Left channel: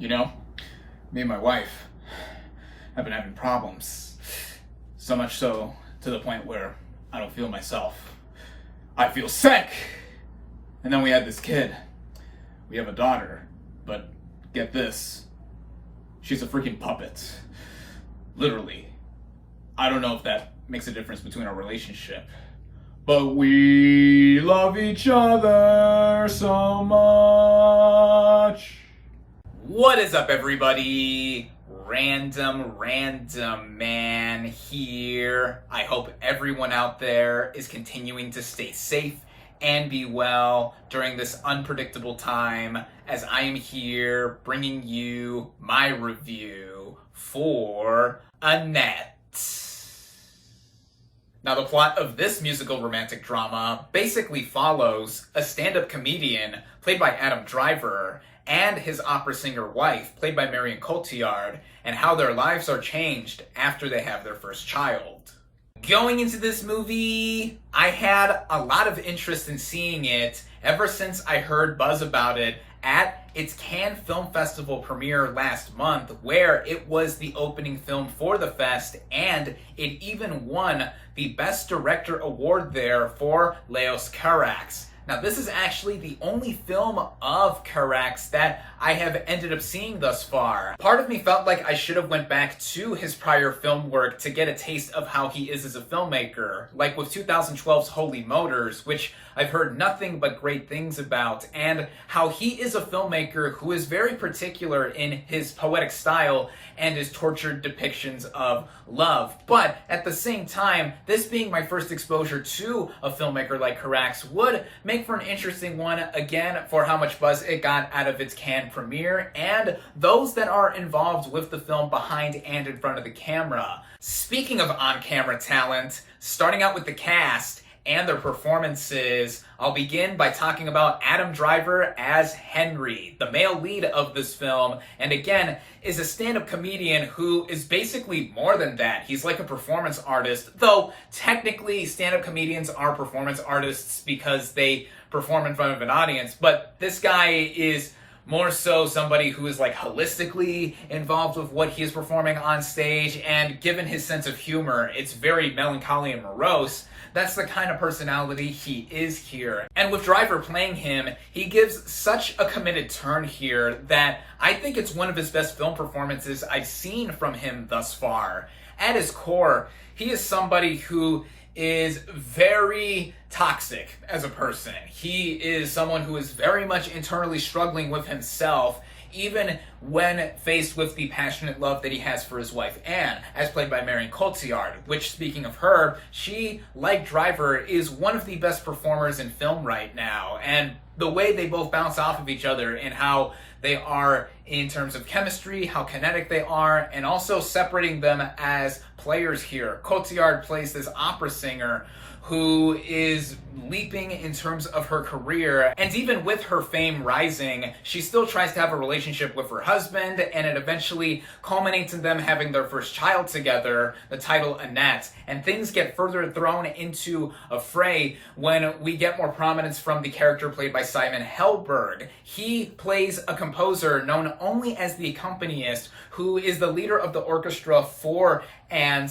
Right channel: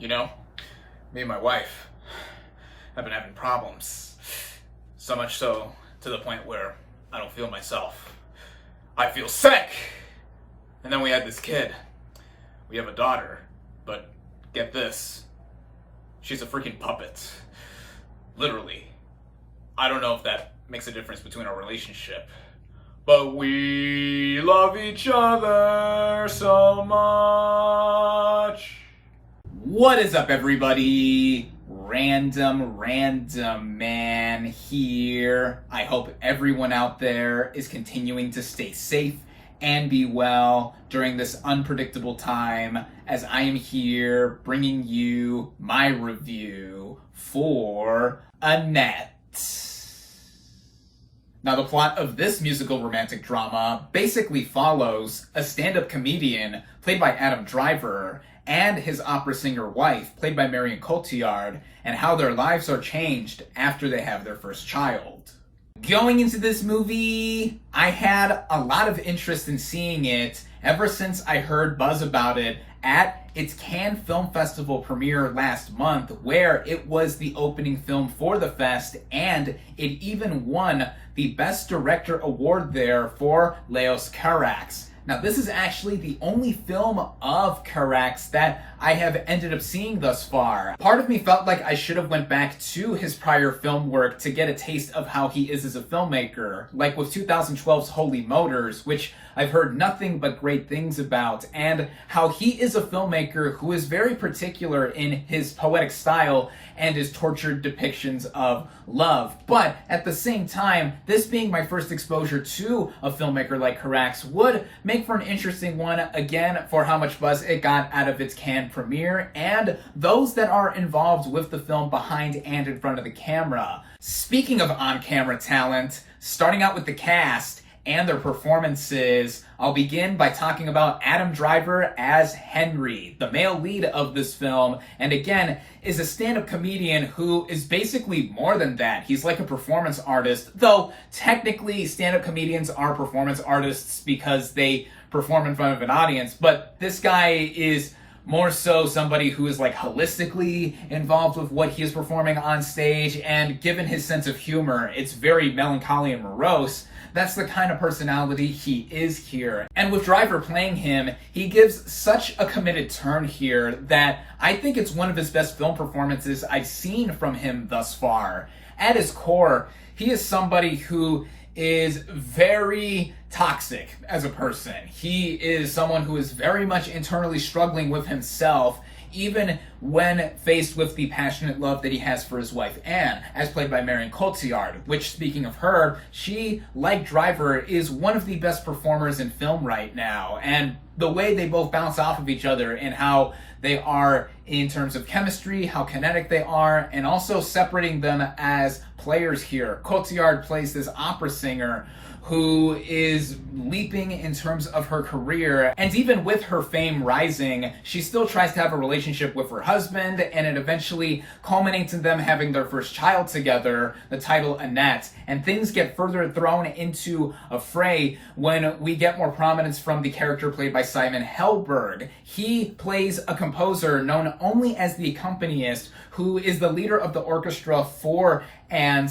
You know, me and my wife have been having problems. So much so to the point where I don't feel myself. I feel sick! And then we had this kid. We have a daughter. But get this. She's a freaking puppet. Literally. I don't know if that makes a difference between our relationship. But we love each other so much. What is up, everybody? Random Man here. I hope everyone out there is continuing to stay safe and be well during this unpredictable time, as I am here bringing you my review for Annette. Now, the plot of this musical romantic drama basically follows a stand-up comedian played by Adam Driver and his opera singer wife, played by Marion Cotillard, and how their lives are changed after they have their first child. Going into this movie, I had a lot of interest in seeing it ever since I heard buzz about it at its Cannes Film Festival premiere last month, where it was the opening film for the fest, and it even won the Best Director award there for Leos Carax. Now, this is actually the only film of Carax that I have ended up seeing thus far. Part of me felt like I should have went back to his prior film work to get a taste of how he is as a filmmaker, like with 2012's Holy Motors, which I've heard nothing but great things about, and how he is a filmmaker who is very particular in his poetic style and his tortured depictions of love. But at the same time, this being my first exposure to a filmmaker like Carax would make for an interesting one, again, for how much buzz it got out of its Cannes premiere, and those that are involved with the film behind and in front of the camera. Speaking of on-camera talent, starting out with the cast and their performances, I'll begin by talking about Adam Driver as Henry, the male lead of this film, and again, is a stand-up comedian who is basically more than that. He's like a performance artist, though technically stand-up comedians are performance artists because they perform in front of an audience, but this guy is more so somebody who is like holistically involved with what he is performing on stage, and given his sense of humor, it's very melancholy and morose. That's the kind of personality he is here. And with Driver playing him, he gives such a committed turn here that I think it's one of his best film performances I've seen from him thus far. At his core, he is somebody who is very toxic as a person. He is someone who is very much internally struggling with himself, even when faced with the passionate love that he has for his wife, Anne, as played by Marion Cotillard, which, speaking of her, she, like Driver, is one of the best performers in film right now. And the way they both bounce off of each other and how they are in terms of chemistry, how kinetic they are, and also separating them as players here. Cotillard plays this opera singer who is leaping in terms of her career, and even with her fame rising, she still tries to have a relationship with her husband, and it eventually culminates in them having their first child together, the title Annette, and things get further thrown into a fray when we get more prominence from the character played by Simon Helberg. He plays a composer known only as the accompanist, who is the leader of the orchestra for and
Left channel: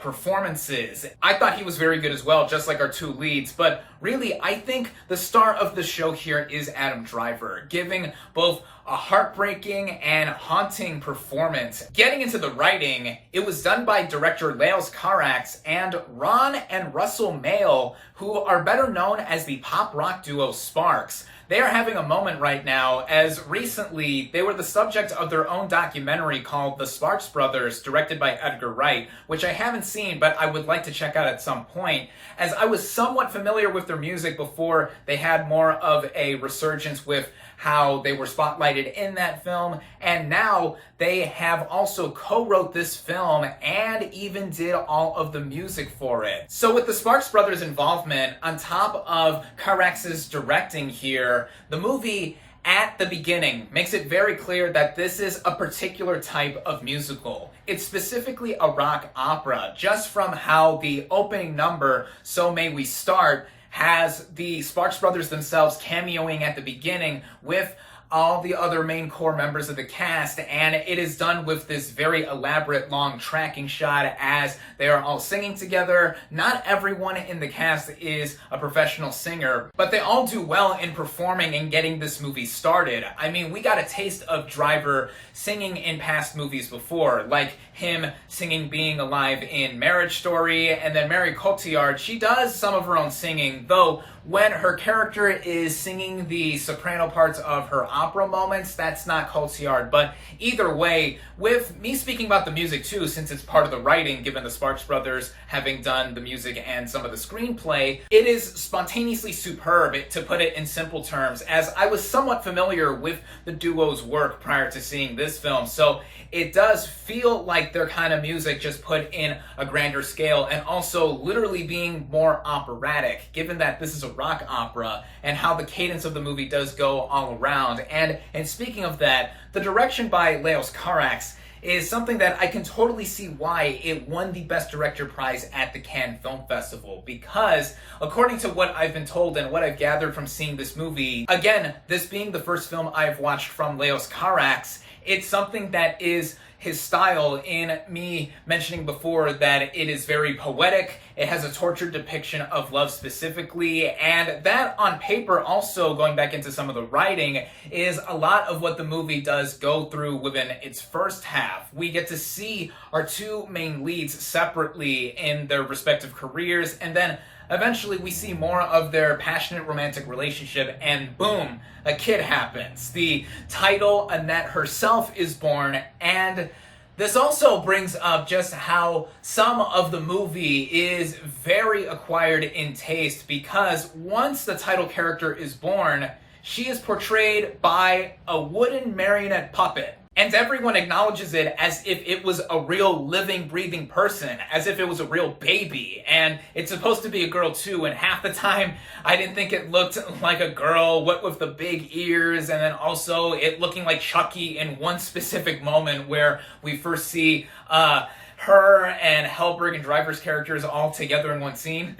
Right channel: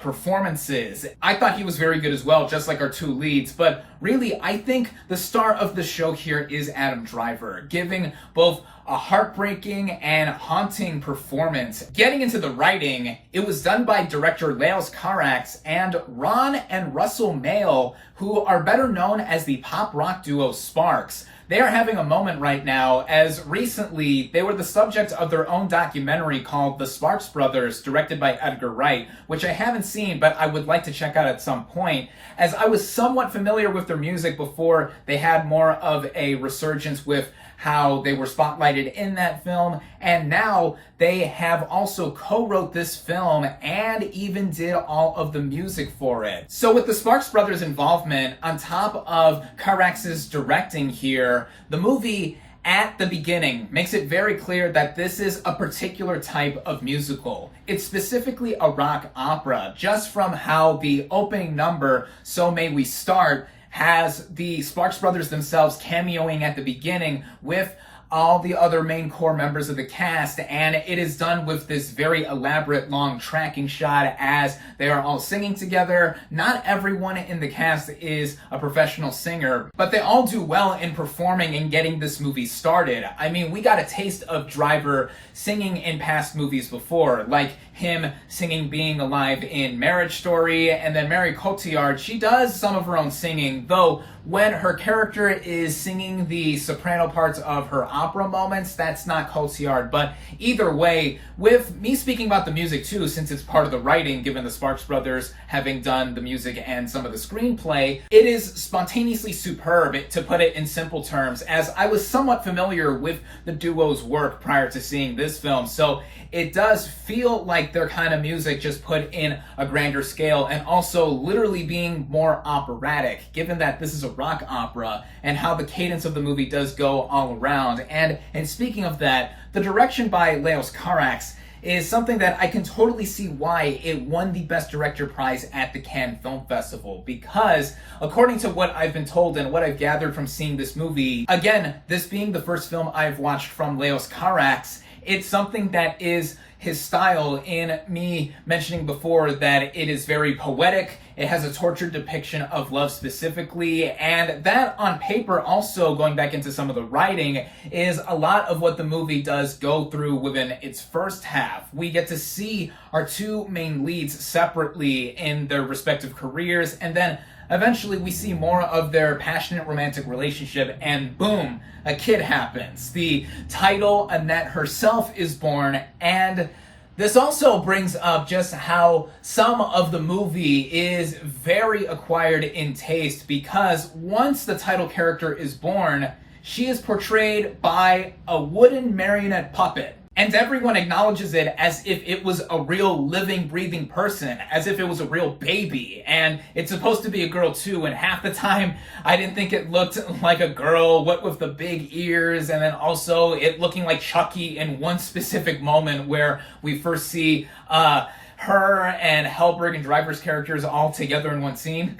performances. I thought he was very good as well, just like our two leads, but really, I think the star of the show here is Adam Driver, giving both a heartbreaking and haunting performance. Getting into the writing, it was done by director Leos Carax and Ron and Russell Mael, who are better known as the pop rock duo Sparks. They are having a moment right now, as recently they were the subject of their own documentary called The Sparks Brothers, directed by Edgar Wright, which I haven't seen, but I would like to check out at some point, as I was somewhat familiar with their music before they had more of a resurgence with how they were spotlighted in that film, and now they have also co-wrote this film and even did all of the music for it. So with the Sparks Brothers' involvement, on top of Carax's directing here, the movie at the beginning makes it very clear that this is a particular type of musical. It's specifically a rock opera, just from how the opening number, So May We Start, has the Sparks Brothers themselves cameoing at the beginning with all the other main core members of the cast, and it is done with this very elaborate long tracking shot as they are all singing together. Not everyone in the cast is a professional singer, but they all do well in performing and getting this movie started. I mean, we got a taste of Driver singing in past movies before, like him singing Being Alive in Marriage Story, and then Marion Cotillard, she does some of her own singing, though when her character is singing the soprano parts of her opera moments, that's not Cotillard. But either way, with me speaking about the music too, since it's part of the writing, given the Sparks Brothers having done the music and some of the screenplay, it is spontaneously superb, to put it in simple terms, as I was somewhat familiar with the duo's work prior to seeing this film, so it does feel like their kind of music just put in a grander scale and also literally being more operatic, given that this is a rock opera and how the cadence of the movie does go all around. And speaking of that, the direction by Leos Carax is something that I can totally see why it won the Best Director prize at the Cannes Film Festival, because according to what I've been told and what I've gathered from seeing this movie, again, this being the first film I've watched from Leos Carax, it's something that is his style, in me mentioning before that it is very poetic, it has a tortured depiction of love specifically, and that on paper also, going back into some of the writing, is a lot of what the movie does go through within its first half. We get to see our two main leads separately in their respective careers, and then eventually we see more of their passionate romantic relationship, and boom, a kid happens. The title, Annette herself, is born, and this also brings up just how some of the movie is very acquired in taste, because once the title character is born, she is portrayed by a wooden marionette puppet. And everyone acknowledges it as if it was a real living, breathing person, as if it was a real baby. And it's supposed to be a girl too, and half the time I didn't think it looked like a girl, what with the big ears, and then also it looking like Chucky in one specific moment where we first see her and Hellberg and Driver's characters all together in one scene.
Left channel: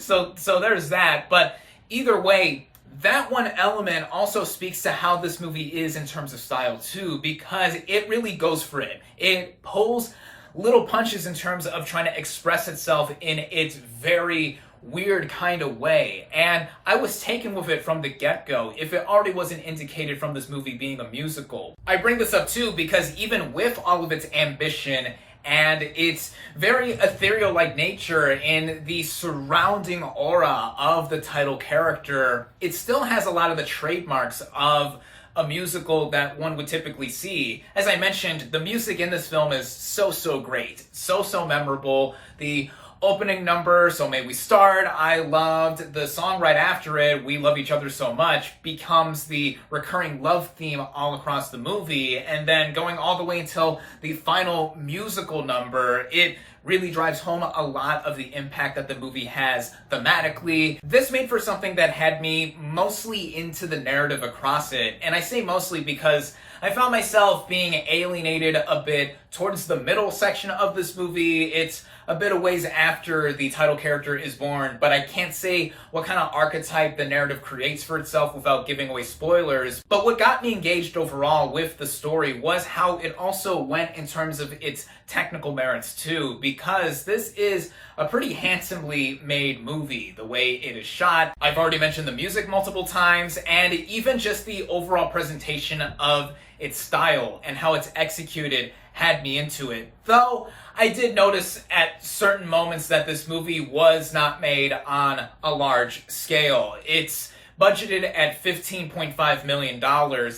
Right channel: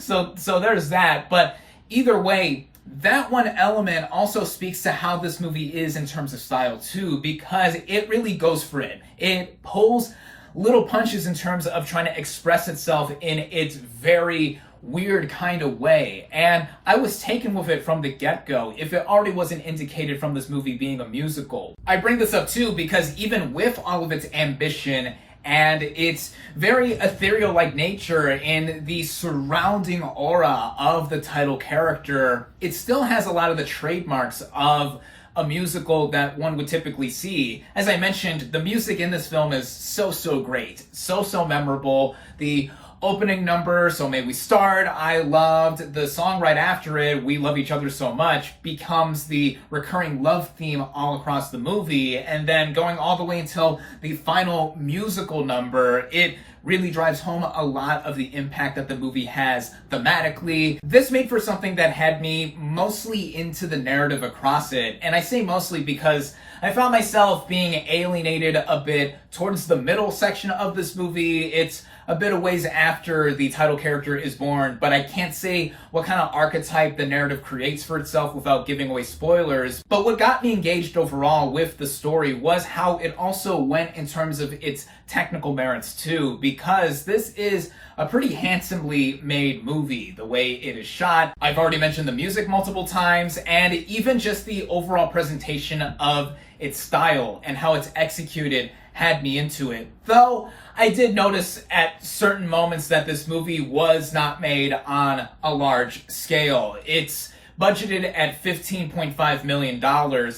So there's that. But either way, that one element also speaks to how this movie is in terms of style too, because it really goes for it. It pulls little punches in terms of trying to express itself in its very weird kind of way. And I was taken with it from the get-go, if it already wasn't indicated from this movie being a musical. I bring this up too because even with all of its ambition and its very ethereal-like nature in the surrounding aura of the title character, it still has a lot of the trademarks of a musical that one would typically see. As I mentioned, the music in this film is so great, so memorable. The opening number, So May We Start, I loved. The song right after it, We Love Each Other So Much, becomes the recurring love theme all across the movie. And then going all the way until the final musical number, it really drives home a lot of the impact that the movie has thematically. This made for something that had me mostly into the narrative across it. And I say mostly because I found myself being alienated a bit towards the middle section of this movie. It's a bit of ways after the title character is born, but I can't say what kind of archetype the narrative creates for itself without giving away spoilers. But what got me engaged overall with the story was how it also went in terms of its technical merits too, because this is a pretty handsomely made movie. The way it is shot, I've already mentioned the music multiple times, and even just the overall presentation of its style and how it's executed had me into it. Though I did notice at certain moments that this movie was not made on a large scale. It's budgeted at $15.5 million,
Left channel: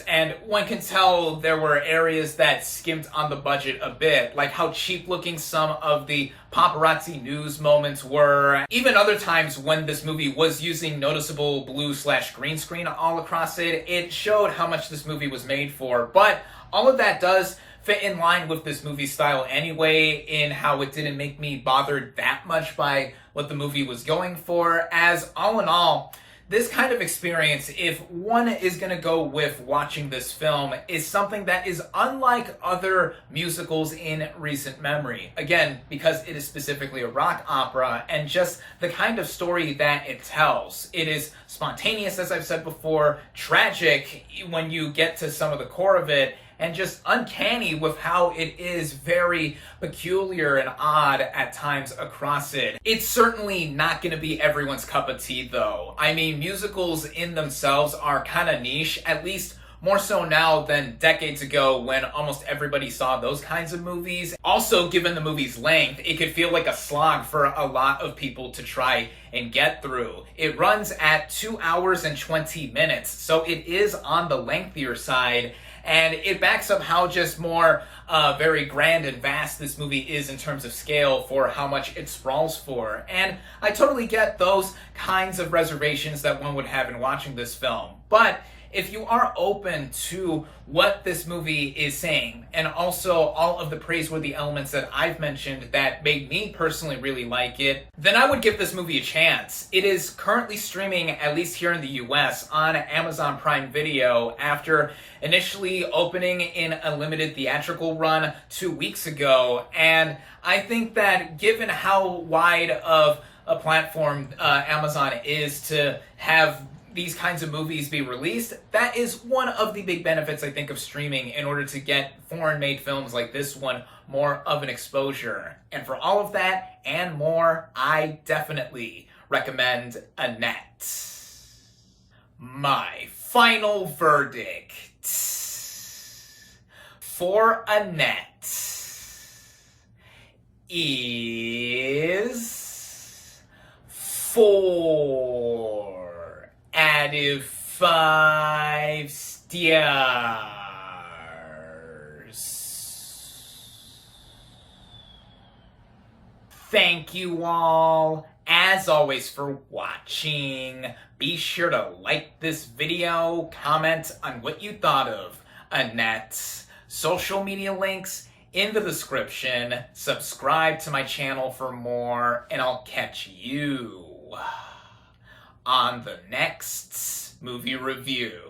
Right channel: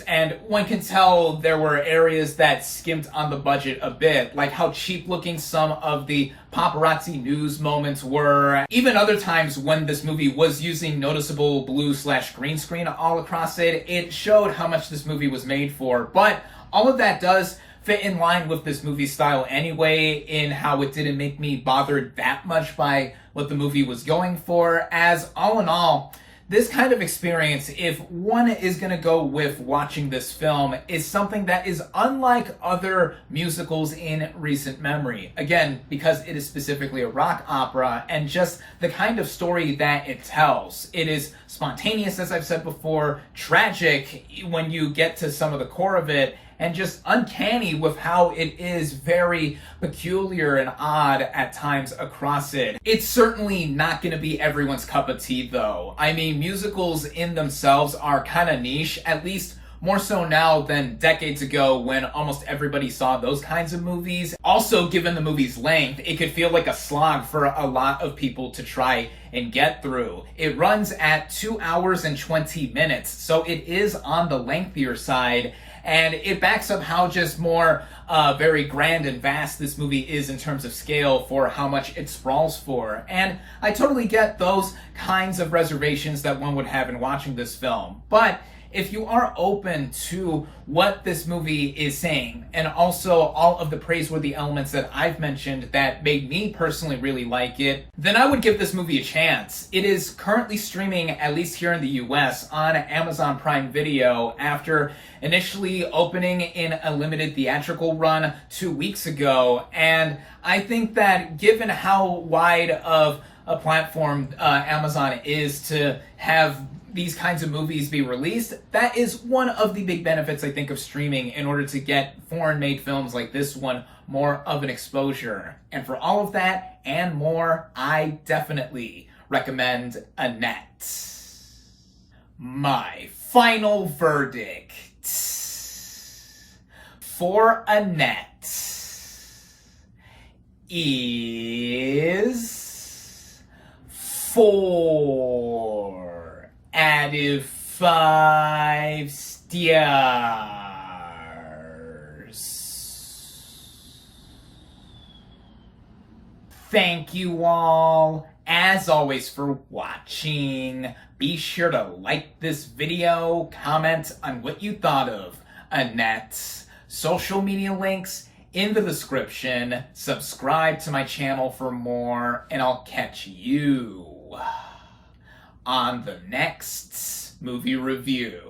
and one can tell there were areas that skimped on the budget a bit, like how cheap looking some of the paparazzi news moments were. Even other times when this movie was using noticeable blue/green screen all across it, it showed how much this movie was made for. But all of that does fit in line with this movie's style anyway, in how it didn't make me bothered that much by what the movie was going for, as all in all, this kind of experience, if one is going to go with watching this film, is something that is unlike other musicals in recent memory. Again, because it is specifically a rock opera and just the kind of story that it tells. It is spontaneous, as I've said before, tragic when you get to some of the core of it, and just uncanny with how it is very peculiar and odd at times across it. It's certainly not going to be everyone's cup of tea, though. I mean, musicals in themselves are kind of niche, at least more so now than decades ago when almost everybody saw those kinds of movies. Also, given the movie's length, it could feel like a slog for a lot of people to try and get through. It runs at 2 hours and 20 minutes, so it is on the lengthier side, and it backs up how just more very grand and vast this movie is in terms of scale for how much it sprawls for. And I totally get those kinds of reservations that one would have in watching this film. But if you are open to what this movie is saying, and also all of the praiseworthy elements that I've mentioned that made me personally really like it, then I would give this movie a chance. It is currently streaming, at least here in the US, on Amazon Prime Video after initially opening in a limited theatrical run 2 weeks ago. And I think that given how wide of a platform Amazon is to have these kinds of movies be released, that is one of the big benefits, I think, of streaming in order to get foreign-made films like this one more of an exposure. And for all of that and more, I definitely recommend Annette. My final verdict for Annette is 4 out of 5 stars. Thank you all, as always, for watching. Be sure to like this video, comment on what you thought of Annette. Social media links in the description. Subscribe to my channel for more, and I'll catch you on the next movie review.